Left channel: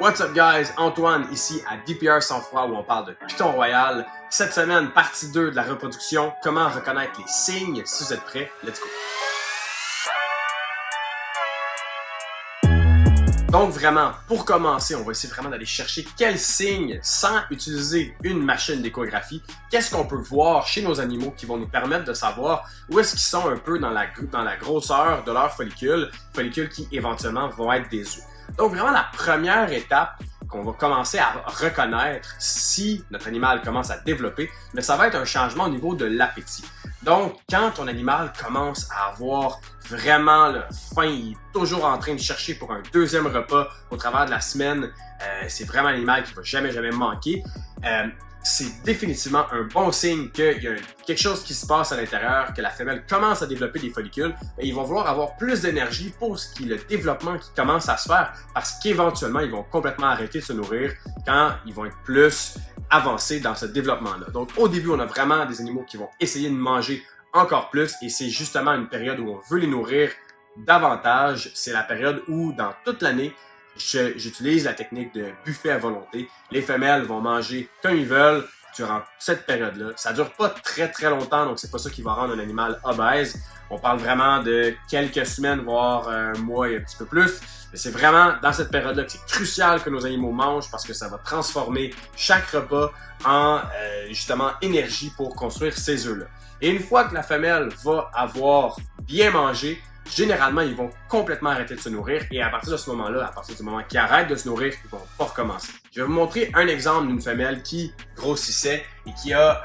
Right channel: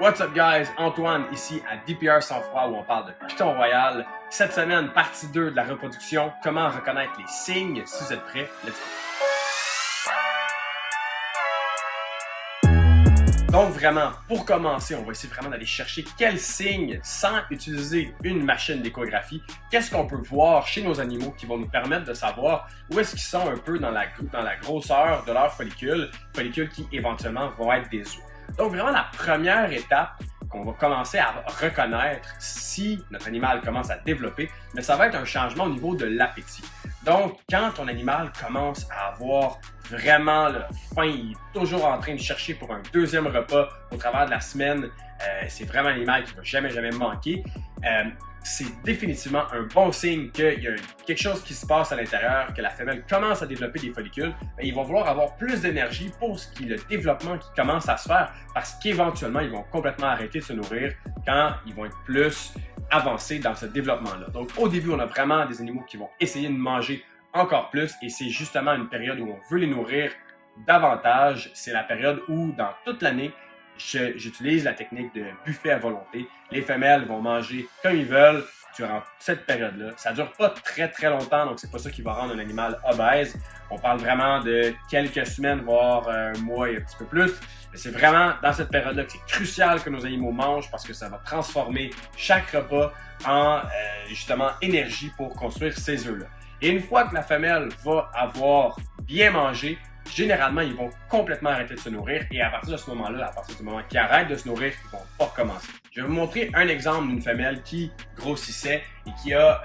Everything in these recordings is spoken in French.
What's up guys, Antoine ici à DPR Sans Froid où on parle de Python Royal. Cette semaine, partie 2 de la reproduction, comment reconnaître les signes. Si vous êtes prêts, let's go! Donc vraiment, pour commencer, on va essayer vraiment d'aller chercher quels signes, sans utiliser une machine d'échographie, qu'est-ce qu'on peut voir chez nos animaux qui vont nous permettre de savoir où est-ce qu'ils sont un peu dans la grosseur de leurs follicules qui éventuellement vont être des œufs. Donc vraiment, la première étape qu'on va commencer à reconnaître si notre animal commence à développer, mais ça va être un changement au niveau de l'appétit. Donc, quand ton animal commence à avoir vraiment faim, il est toujours en train de chercher pour un deuxième repas au travers de la semaine, c'est vraiment un animal qui ne va jamais manquer. C'est définitivement un bon signe qu'il y a quelque chose qui se passe à l'intérieur, que la femelle commence à développer des follicules. Il va vouloir avoir plus d'énergie pour ce qui est le développement qui commence à se faire parce qu'éventuellement, ils vont complètement arrêter de se nourrir quand ils vont être plus avancés dans ce développement-là. Donc, au début, on a vraiment des animaux qui vont essayer de manger encore plus et c'est justement une période où on veut les nourrir davantage. C'est la période où, dans toute l'année, j'utilise la technique de buffet à volonté. Les femelles vont manger comme ils veulent durant cette période-là. Ça dure pas très longtemps, donc c'est pas ça qui va rendre un animal obèse. On parle vraiment de quelques semaines, voire un mois et un petit peu plus. Mais c'est vraiment dans cette période-là que c'est crucial que nos animaux mangent parce que ça va transformer chaque repas en justement énergie pour construire ces œufs-là. Et une fois que la femelle va avoir bien mangé, généralement, ils vont complètement arrêter de se nourrir et à partir de ce moment-là, à partir du moment qu'ils arrêtent de se nourrir, ils vont pas recommencer. Je vais vous montrer un exemple d'une femelle qui grossissait et qui a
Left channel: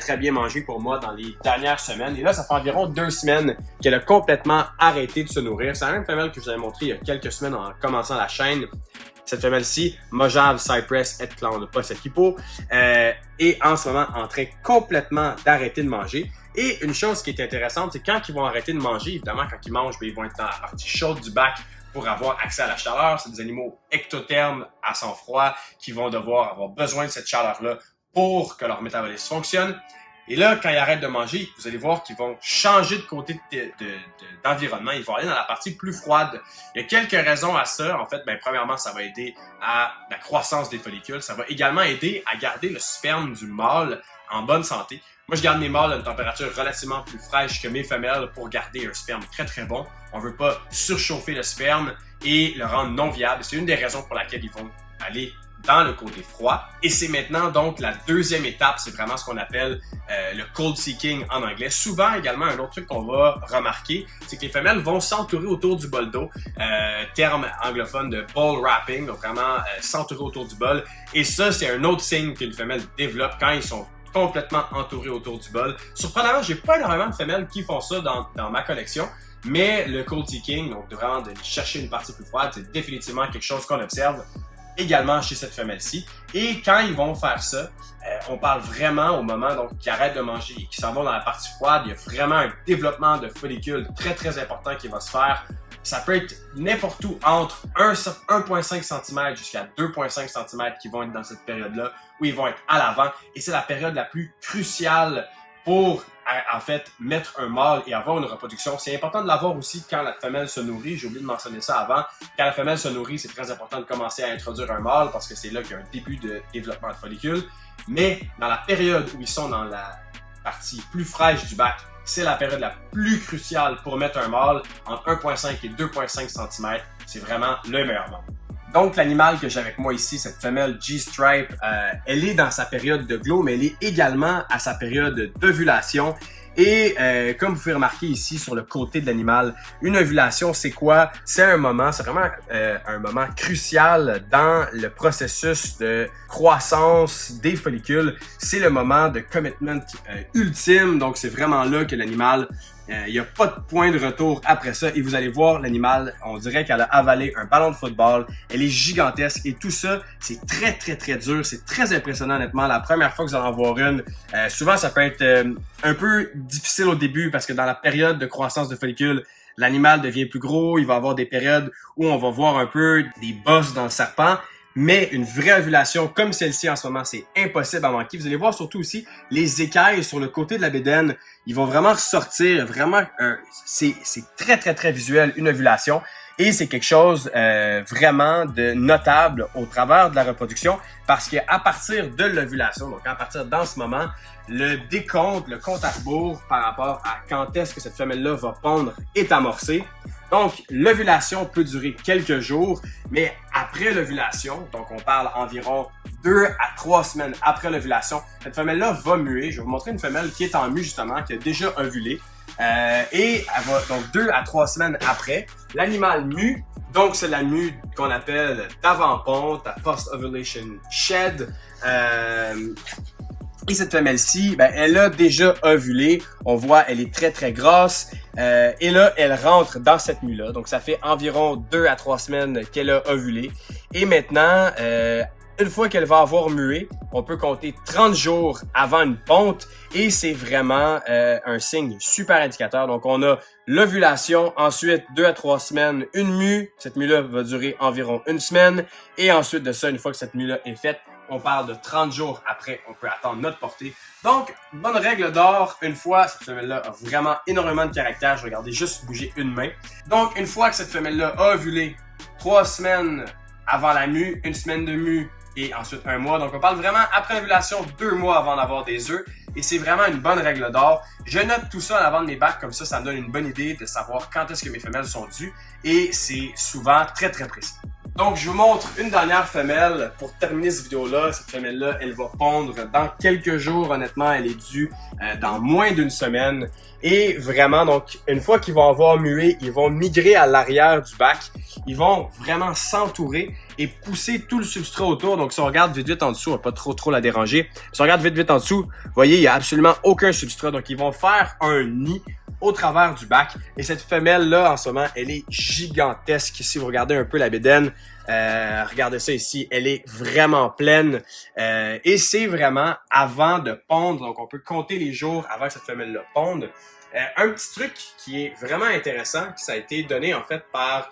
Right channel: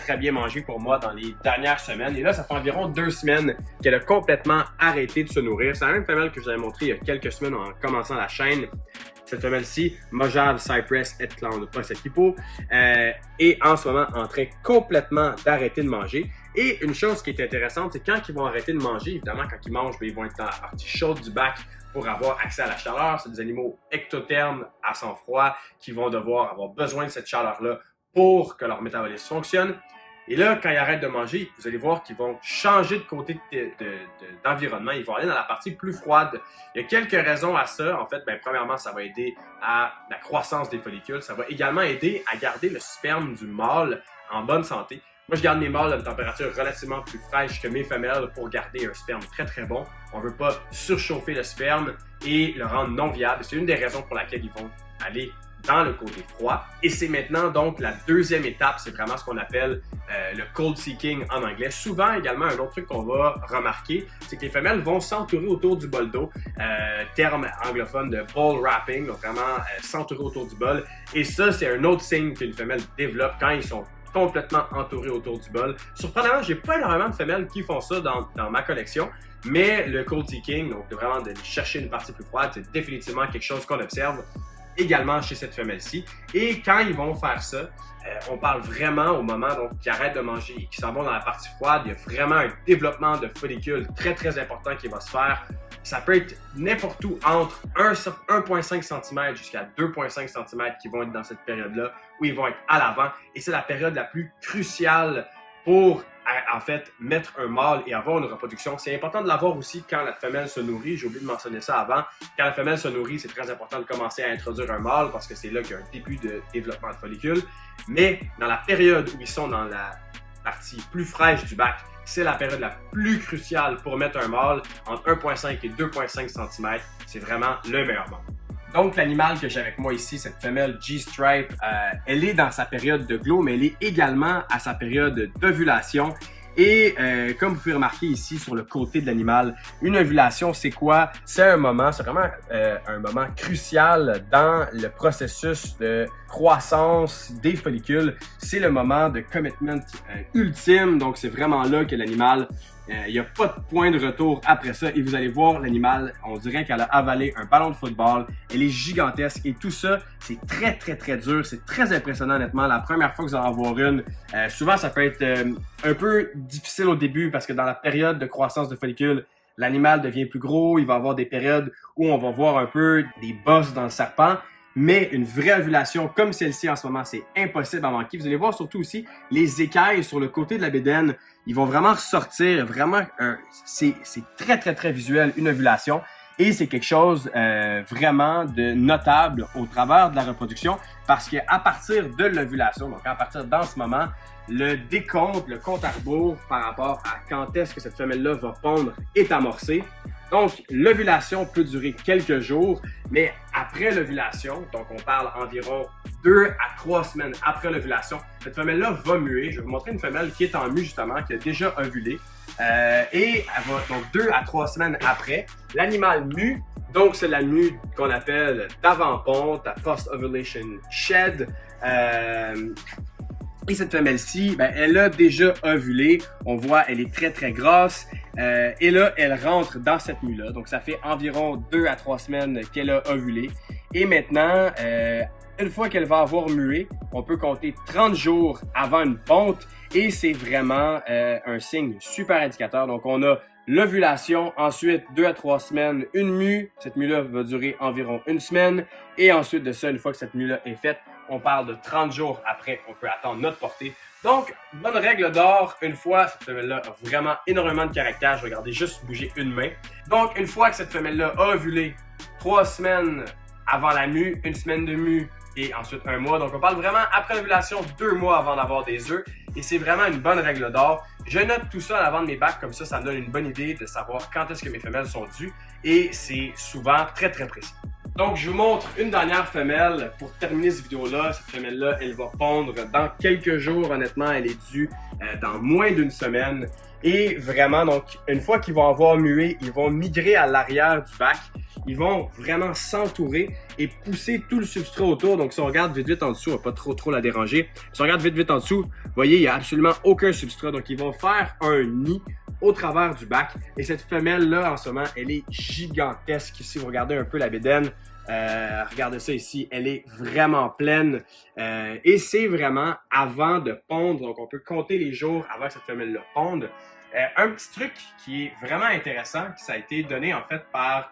très bien mangé pour moi dans les dernières semaines. Et là, ça fait environ 2 semaines qu'elle a complètement arrêté de se nourrir. C'est la même femelle que je vous avais montré il y a quelques semaines en commençant la chaîne. Cette femelle-ci, Mojave Cypress et Clown, pas cette hippo, est en ce moment en train complètement d'arrêter de manger. Et une chose qui est intéressante, c'est quand ils vont arrêter de manger, évidemment, quand ils mangent, ils vont être dans la partie chaude du bac pour avoir accès à la chaleur. C'est des animaux ectothermes à sang froid qui vont devoir avoir besoin de cette chaleur-là pour que leur métabolisme fonctionne. Et là, quand ils arrêtent de manger, vous allez voir qu'ils vont changer de côté d'environnement. Ils vont aller dans la partie plus froide. Il y a quelques raisons à ça. En fait, premièrement, ça va aider à la croissance des follicules. Ça va également aider à garder le sperme du mâle en bonne santé. Moi, je garde mes mâles à une température relativement plus fraîche que mes femelles pour garder un sperme très bon. On ne veut pas surchauffer le sperme et le rendre non viable. C'est une des raisons pour laquelle ils vont aller dans le côté froid. Et c'est maintenant donc la deuxième étape, c'est vraiment ce qu'on appelle le cold seeking en anglais. Souvent également, un autre truc qu'on va remarquer, c'est que les femelles vont s'entourer autour du bol d'eau, terme anglophone de bowl wrapping, donc vraiment s'entourer autour du bol. Et ça, c'est un autre signe qu'une femelle développe quand ils sont complètement entourés autour du bol. Surprenamment, j'ai pas énormément de femelles qui font ça dans ma collection, mais le cold seeking, donc vraiment de chercher une partie plus froide, c'est définitivement quelque chose qu'on observe également chez cette femelle-ci. Et quand ils vont faire ça, on parle vraiment au moment qu'ils arrêtent de manger et qu'ils s'en vont dans la partie froide, il y a vraiment un développement de follicules très important qui va se faire. Ça peut être n'importe où entre 1,5 cm jusqu'à 2,5 cm qui vont être dans cette période-là où ils vont être à l'avant. Et c'est la période la plus cruciale pour en fait mettre un mâle et avoir une reproduction. C'est important de l'avoir aussi quand la femelle se nourrit. J'ai oublié de mentionner ça avant. Quand la femelle se nourrit, c'est très important de commencer à introduire un mâle parce que c'est là qu'il y a un début de développement de follicules. Mais dans la période où ils sont dans la partie plus fraîche du bac, c'est la période la plus cruciale pour mettre un mâle entre 1,5 et 2,5 cm. C'est vraiment le meilleur moment. Donc, l'animal que j'ai avec moi ici, cette femelle G-Stripe, elle est dans sa période de glow, mais elle est également à sa période d'ovulation. Et comme vous pouvez remarquer ici sur le côté de l'animal, une ovulation, c'est quoi? C'est un moment, c'est vraiment un moment crucial dans le processus de croissance des follicules. C'est le moment de commitment ultime, donc c'est vraiment là que l'animal, il n'y a pas de point de retour après ça. Et vous allez voir l'animal, on dirait qu'elle a avalé un ballon de football. Elle est gigantesque et tout ça, c'est très dur. C'est très impressionnant honnêtement. La première fois que vous allez en voir une, souvent ça peut être un peu difficile au début parce que dans la période de croissance de follicules, l'animal devient plus gros. Il va y avoir des périodes où on va voir un peu des bosses dans le serpent. Mais une vraie ovulation comme celle-ci en ce moment, c'est impossible à manquer. Vous allez voir surtout aussi les écailles sur le côté de la bédaine. Ils vont vraiment ressortir. Vraiment, c'est très visuel, une ovulation. Et c'est quelque chose vraiment de notable au travers de la reproduction parce qu'à partir de l'ovulation, donc à partir d'en ce moment, le décompte, le compte à rebours par rapport à quand est-ce que cette femelle-là va pondre est amorcé. Donc, l'ovulation peut durer quelques jours, mais après l'ovulation, donc on parle environ 2 à 3 semaines après l'ovulation, cette femelle-là va muer. Je vais vous montrer une femelle qui est en mue justement, qui a déjà ovulé. Et elle va, donc 2 à 3 semaines après, l'animal mue, donc c'est la mue qu'on appelle d'avant-ponte, la post-ovulation shed. Et cette femelle-ci, ben, elle a déjà ovulé. On voit, elle est très, très grasse. Et là, elle rentre dans cette mue-là. Donc, ça fait environ 2 à 3 semaines qu'elle a ovulé. Et maintenant, une fois qu'elle va avoir mué, on peut compter 30 jours avant une ponte. Et c'est vraiment un signe super indicateur. Donc, on a l'ovulation, ensuite 2 à 3 semaines, une mue. Cette mue-là va durer environ une semaine. Et ensuite de ça, une fois que cette mue-là est faite, on parle de 30 jours après, on peut attendre notre portée. Donc, bonne règle d'or, une fois, cette femelle-là a vraiment énormément de caractère. Je vais regarder juste bouger une main. Donc, une fois que cette femelle-là a ovulé, 3 semaines avant la mue, 1 semaine de mue et ensuite 1 mois. Donc, on parle vraiment après l'ovulation, 2 mois avant d'avoir des œufs. Et c'est vraiment une bonne règle d'or. Je note tout ça à l'avant de mes bacs, comme ça me donne une bonne idée de savoir quand est-ce que mes femelles sont dues. Et c'est souvent très, très précis. Donc, je vous montre une dernière femelle pour terminer cette vidéo-là. Cette femelle-là, elle va pondre dans quelques jours. Honnêtement, elle est due dans moins d'une semaine. Et vraiment, donc, une fois qu'ils vont avoir mué, ils vont migrer à l'arrière du bac. Ils vont vraiment s'entourer et pousser tout le substrat autour. Donc, si on regarde vite en dessous, on va pas trop la déranger. Si on regarde vite en dessous, vous voyez, il n'y a absolument aucun substrat. Donc, ils vont faire un nid au travers du bac. Et cette femelle-là, en ce moment, elle est gigantesque. Si vous regardez un peu la bédaine, regardez ça ici, elle est vraiment pleine. Et c'est vraiment avant de pondre. Donc, on peut compter les jours avant que cette femelle-là ponde. Un petit truc qui est vraiment intéressant, qui ça a été donné en fait par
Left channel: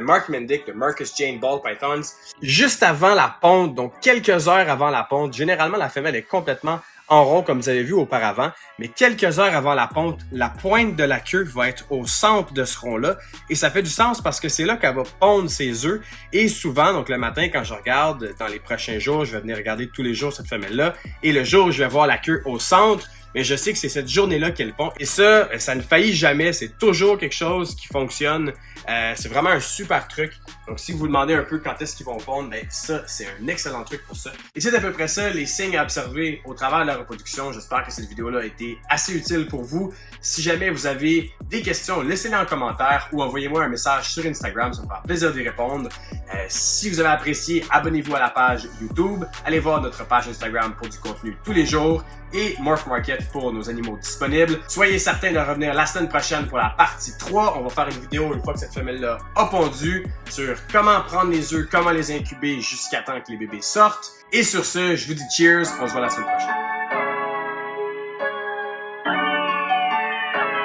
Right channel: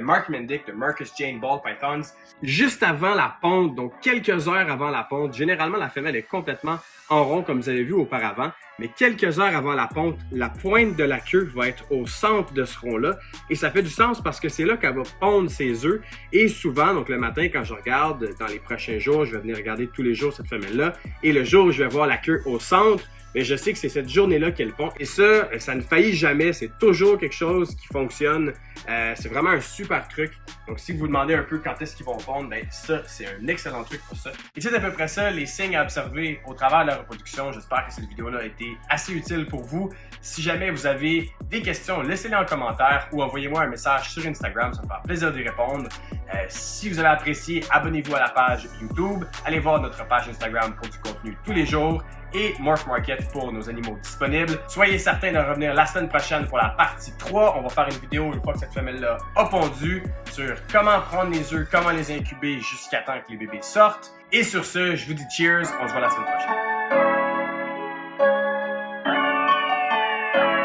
Mark Mendick de Marcus Jane Ball Pythons. Juste avant la ponte, donc quelques heures avant la ponte, généralement la femelle est complètement en rond comme vous avez vu auparavant, mais quelques heures avant la ponte, la pointe de la queue va être au centre de ce rond-là et ça fait du sens parce que c'est là qu'elle va pondre ses œufs et souvent, donc le matin quand je regarde dans les prochains jours, je vais venir regarder tous les jours cette femelle-là et le jour où je vais voir la queue au centre, mais je sais que c'est cette journée-là qu'elle pond. Et ça ne faillit jamais. C'est toujours quelque chose qui fonctionne. C'est vraiment un super truc. Donc, si vous vous demandez un peu quand est-ce qu'ils vont pondre, ben ça, c'est un excellent truc pour ça. Et c'est à peu près ça, les signes à observer au travers de la reproduction. J'espère que cette vidéo-là a été assez utile pour vous. Si jamais vous avez des questions, laissez-les en commentaire ou envoyez-moi un message sur Instagram. Ça me fera plaisir d'y répondre. Si vous avez apprécié, abonnez-vous à la page YouTube. Allez voir notre page Instagram pour du contenu tous les jours. Et Morph Market pour nos animaux disponibles. Soyez certains de revenir la semaine prochaine pour la partie 3. On va faire une vidéo une fois que cette femelle-là a pondu sur comment prendre les œufs, comment les incuber jusqu'à temps que les bébés sortent. Et sur ce, je vous dis cheers, on se voit la semaine prochaine.